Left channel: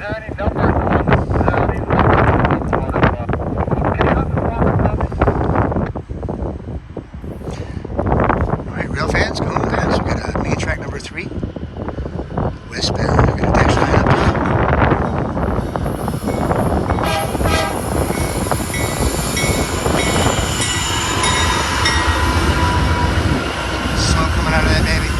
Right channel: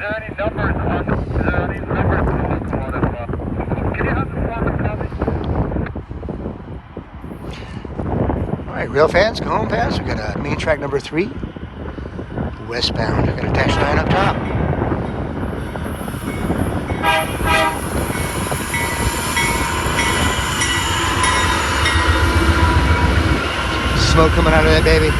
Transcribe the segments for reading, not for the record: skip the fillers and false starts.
there any numbers on this? Is there any numbers on it? Can you have the phone? Alright, rail fans, Cajon fans, we got main track number 3, westbound. We got a dash 9 up top. Smoke coming out of that baby.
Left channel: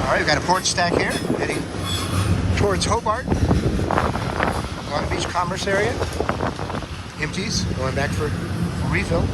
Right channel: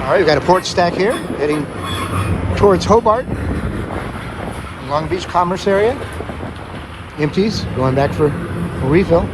Alright, we've got a port stack here, heading towards Hobart, Long Beach Commerce area. Empties, going back for a refill.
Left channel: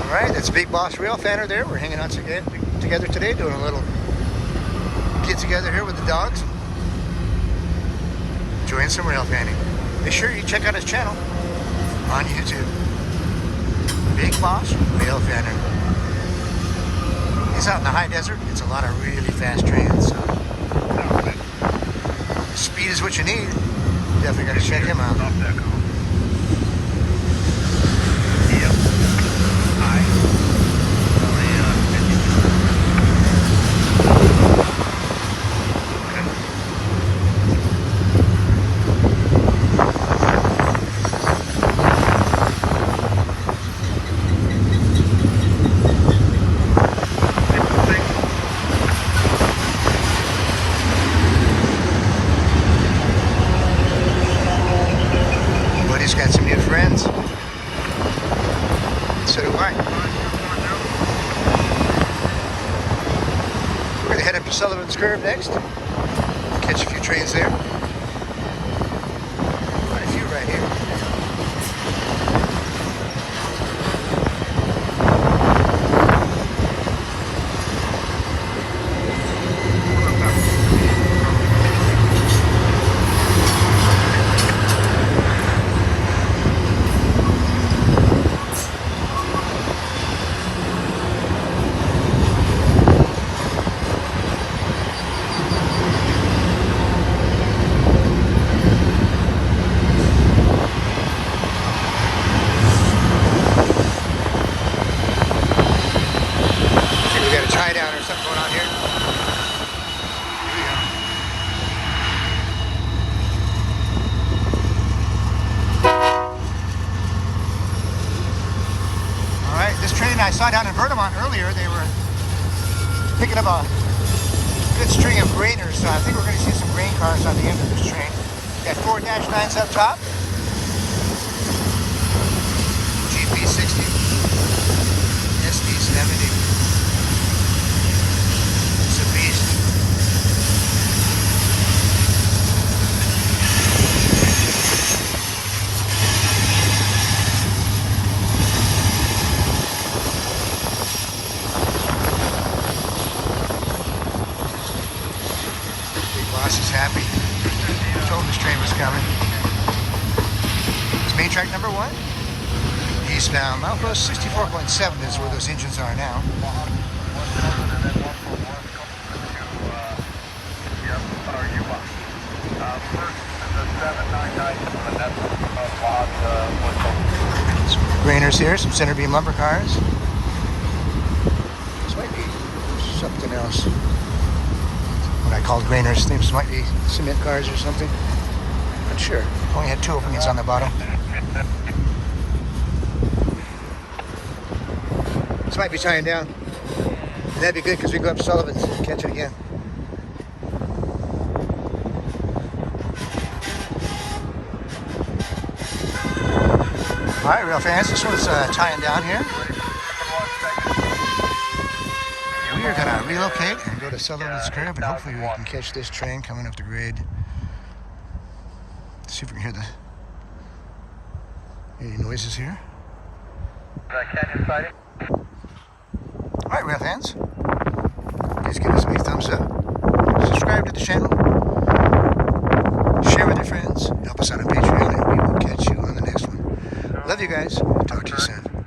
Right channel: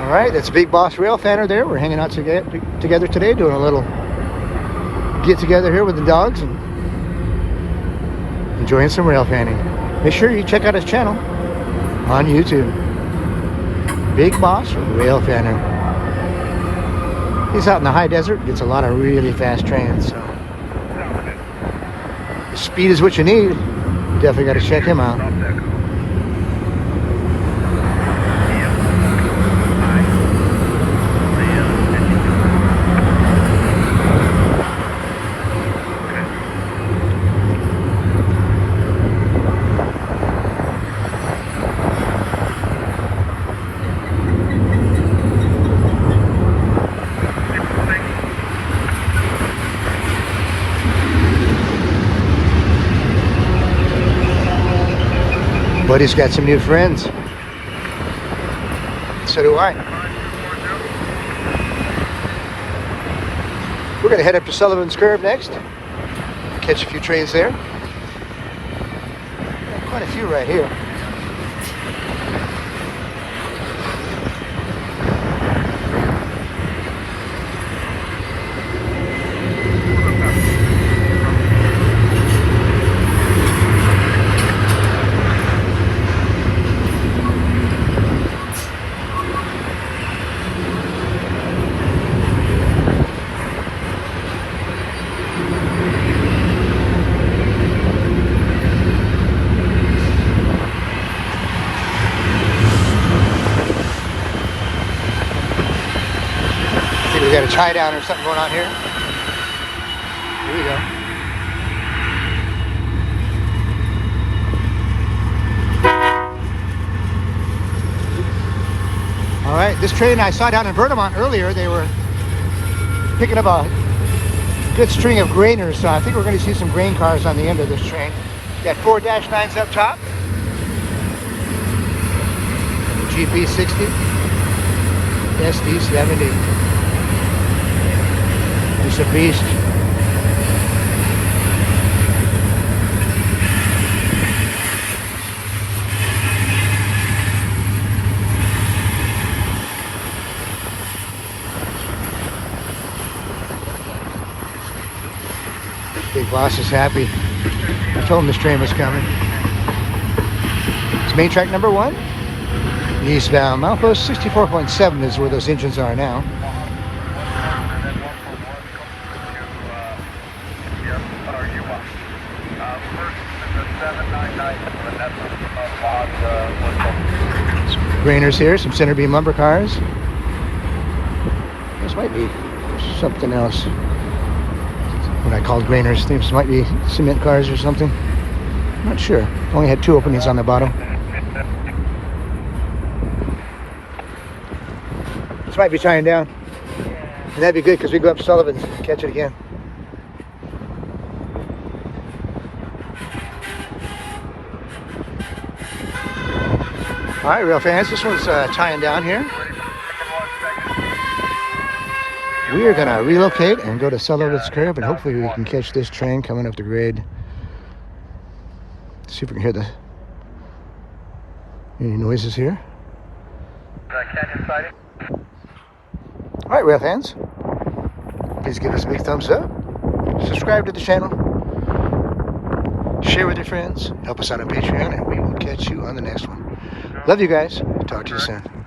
Alright, that's Big Boss Rail Fanner there. We're hanging out together today, doing a little get together here with the dogs and enjoying some rail fanning. Make sure you check out his channel on YouTube. Big Boss Rail Fanner. He's out in the high desert, gets a lot of really fast trains, so speed is what you need. Definitely got to check him out. Buddy's got some new friends. So do I. We're going to head up to Sullivan's Curve next. Catch a few trains there. Quite a few right here. Tie down or something going on here. Here we go. All right, this train I saw down in Vermont earlier, they were picking up a good string of grainers, so I think we're going to see some grain cars on the end of this train. Got 4 -9s up top. GP60, SD70. It's a beast. Big Boss is happy. I told him this train was coming. It's main track number 1. Eastbound. Milepost 64.7 is where those engines are now. Grainers here, some center beam lumber cars. This might be something else. What I called grainers. These might be cement cars or something. Not sure. Only had 2 openings on the bottom. This might be tying down. And that'd be good because we go up Sullivan's and catch it again. All right, rail fans, this one's tying down here. We are gonna relocate and go to Sworthout's curb, and hopefully we can catch this train coming up the grade. See if we can hear any noises here. All right, rail fans, please give us a big thumbs up. Subscribe to the channel. Share with your friends. Help us out on Patreon, and we will catch you on the next one. Love you guys. Talk to you soon.